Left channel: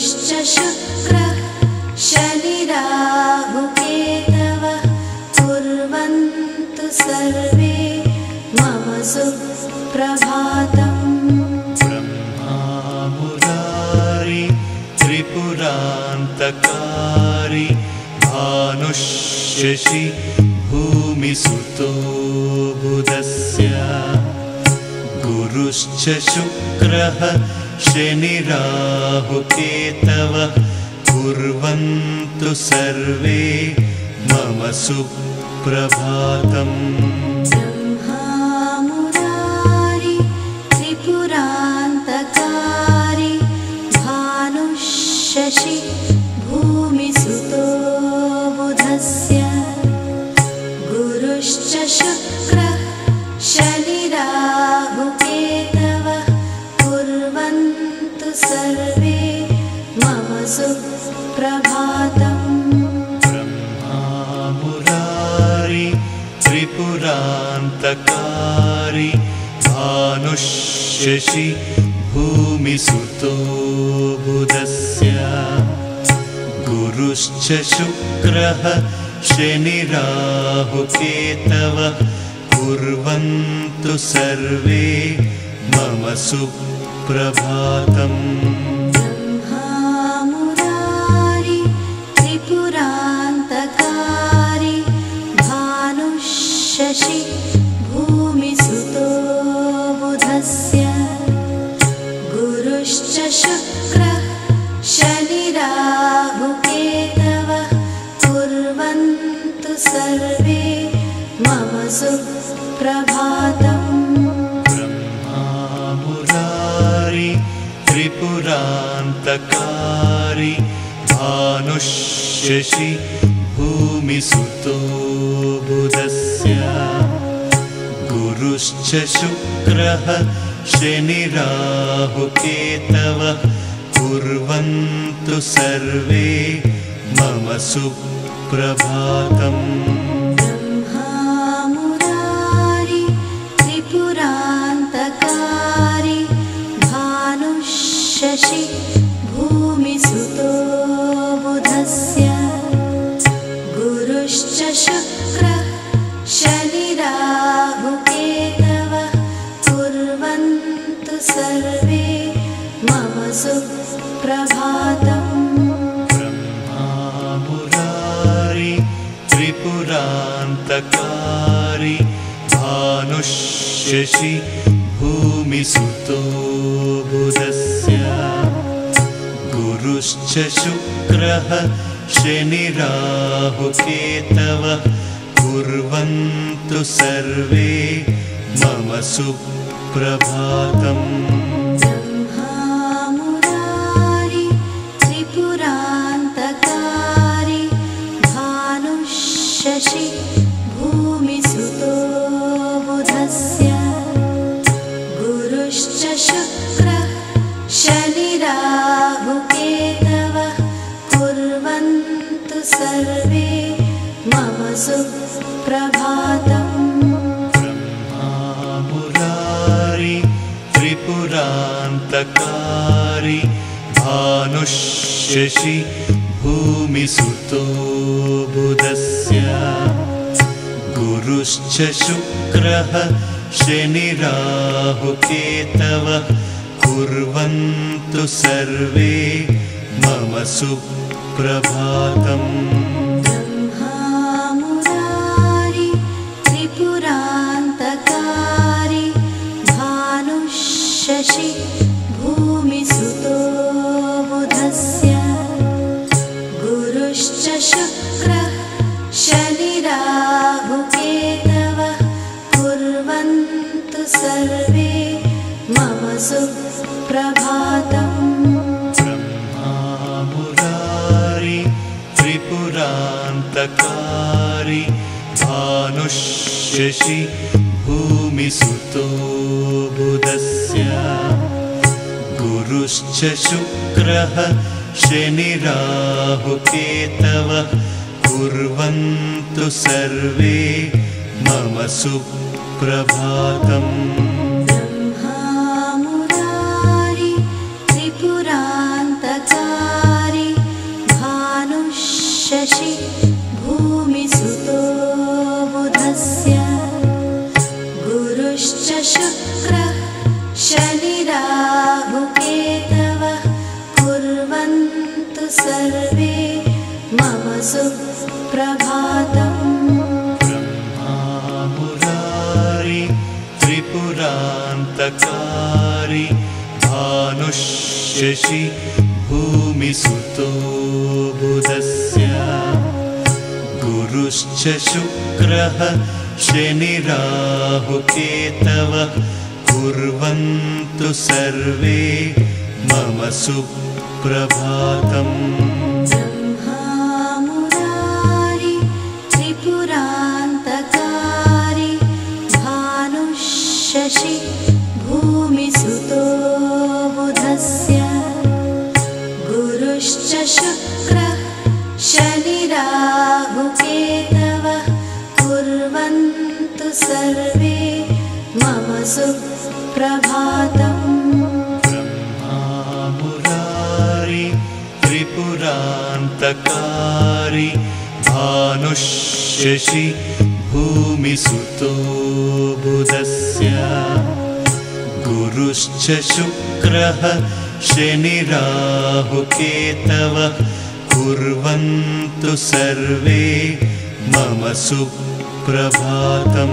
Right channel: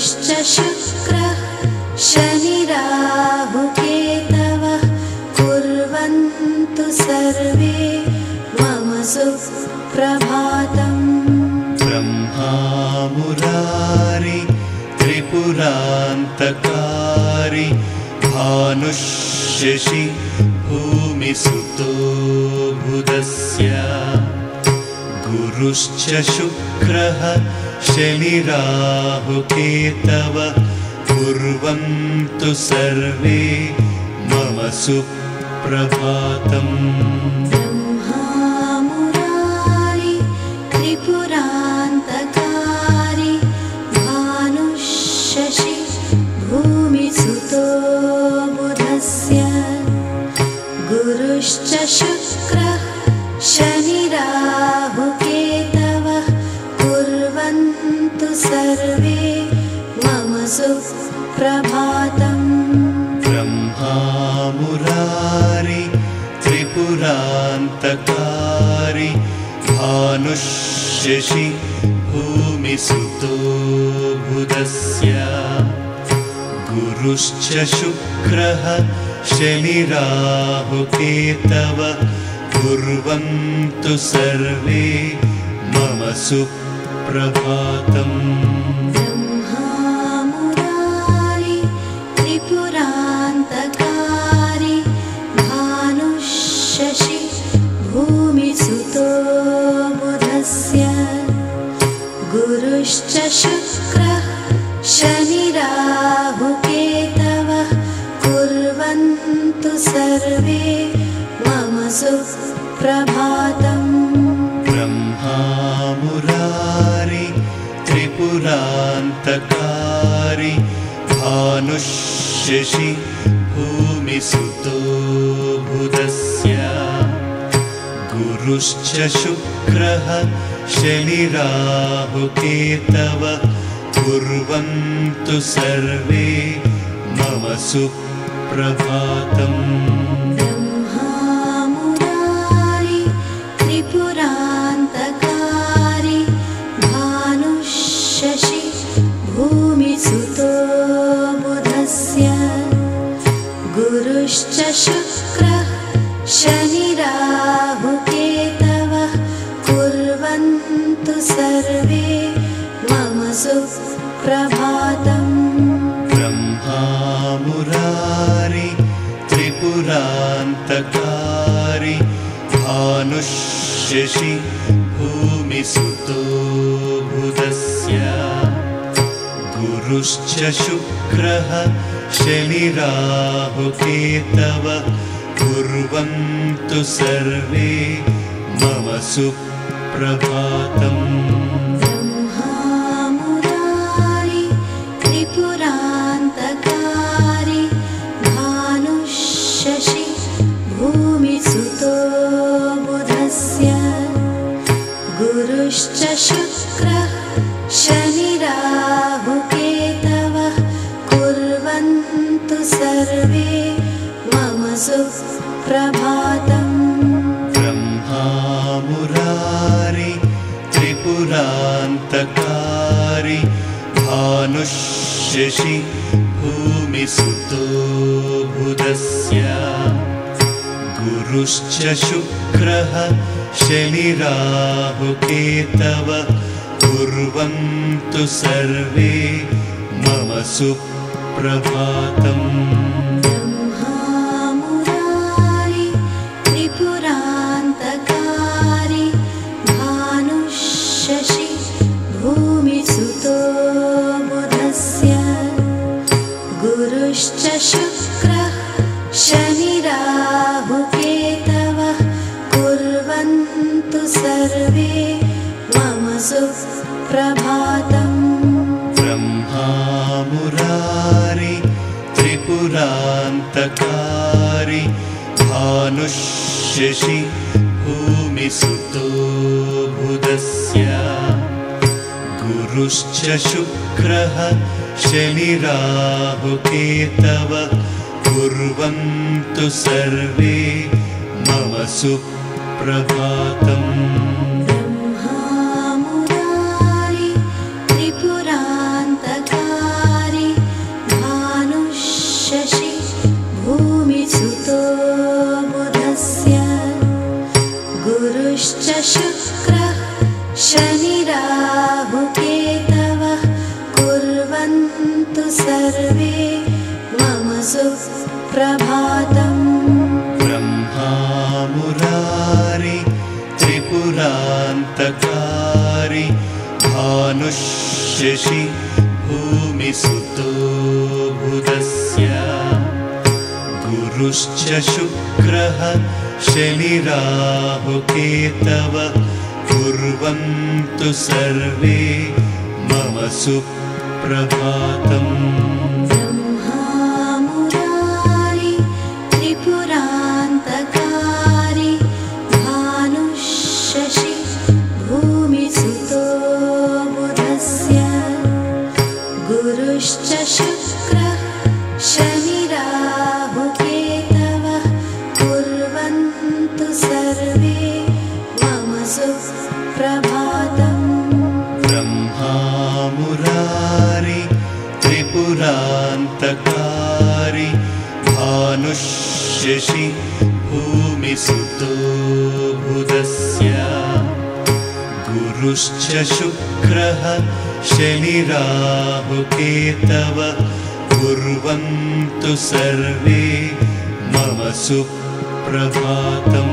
गुरुश्च शुक्रः शनिराहुकेतवः कुर्वन्तु सर्वे मम सुप्रभातम्। ब्रह्मा मुरारी त्रिपुरान्तकारी भानुशशि भूमिसुतो बुधस्य गुरुश्च शुक्रः शनिराहुकेतवः कुर्वन्तु सर्वे मम सुप्रभातम्। ब्रह्मा मुरारी त्रिपुरान्तकारी भानुशशि भूमिसुतो बुधस्य गुरुश्च शुक्रः शनिराहुकेतवः कुर्वन्तु सर्वे मम सुप्रभातम्। ब्रह्मा मुरारी त्रिपुरान्तकारी भानुशशि भूमिसुतो बुधस्य गुरुश्च शुक्रः शनिराहुकेतवः कुर्वन्तु सर्वे मम सुप्रभातम्। ब्रह्मा मुरारी त्रिपुरान्तकारी भानुशशि भूमिसुतो बुधस्य गुरुश्च शुक्रः शनिराहुकेतवः कुर्वन्तु सर्वे मम सुप्रभातम्। ब्रह्मा मुरारी त्रिपुरान्तकारी भानुशशि भूमिसुतो बुधस्य गुरुश्च शुक्रः शनिराहुकेतवः कुर्वन्तु सर्वे मम सुप्रभातम्। ब्रह्मा मुरारी त्रिपुरान्तकारी भानुशशि भूमिसुतो बुधस्य गुरुश्च शुक्रः शनिराहुकेतवः कुर्वन्तु सर्वे मम सुप्रभातम्। ब्रह्मा मुरारी त्रिपुरान्तकारी भानुशशि भूमिसुतो बुधस्य गुरुश्च शुक्रः शनिराहुकेतवः कुर्वन्तु सर्वे मम सुप्रभातम्। ब्रह्मा मुरारी त्रिपुरान्तकारी भानुशशि भूमिसुतो बुधस्य गुरुश्च शुक्रः शनिराहुकेतवः कुर्वन्तु सर्वे मम सुप्रभातम्। ब्रह्मा मुरारी त्रिपुरान्तकारी भानुशशि भूमिसुतो बुधस्य गुरुश्च शुक्रः शनिराहुकेतवः कुर्वन्तु सर्वे मम सुप्रभातम्। ब्रह्मा मुरारी त्रिपुरान्तकारी भानुशशि भूमिसुतो बुधस्य गुरुश्च शुक्रः शनिराहुकेतवः कुर्वन्तु सर्वे मम सुप्रभातम्। ब्रह्मा मुरारी त्रिपुरान्तकारी भानुशशि भूमिसुतो बुधस्य गुरुश्च शुक्रः शनिराहुकेतवः कुर्वन्तु सर्वे मम सुप्रभातम्। ब्रह्मा मुरारी त्रिपुरा त्रिपुरान्तकारी भानुः शशि भूमिसुतो बुधस्य गुरुश्च शुक्रः शनिराहुकेतवः कुर्वन्तु सर्वे मम सुप्रभातम् ब्रह्मा मुरारी त्रिपुरान्तकारी भानुः शशि भूमिसुतो बुधस्य गुरुश्च शुक्रः शनिराहुकेतवः कुर्वन्तु सर्वे मम सुप्रभातम् ब्रह्मा मुरारी त्रिपुरान्तकारी भानुः शशि भूमिसुतो बुधस्य गुरुश्च शुक्रः शनिराहुकेतवः कुर्वन्तु सर्वे मम सुप्रभातम् ब्रह्मा मुरारी त्रिपुरान्तकारी भानुः शशि भूमिसुतो बुधस्य गुरुश्च शुक्रः शनिराहुकेतवः कुर्वन्तु सर्वे मम सुप्रभातम्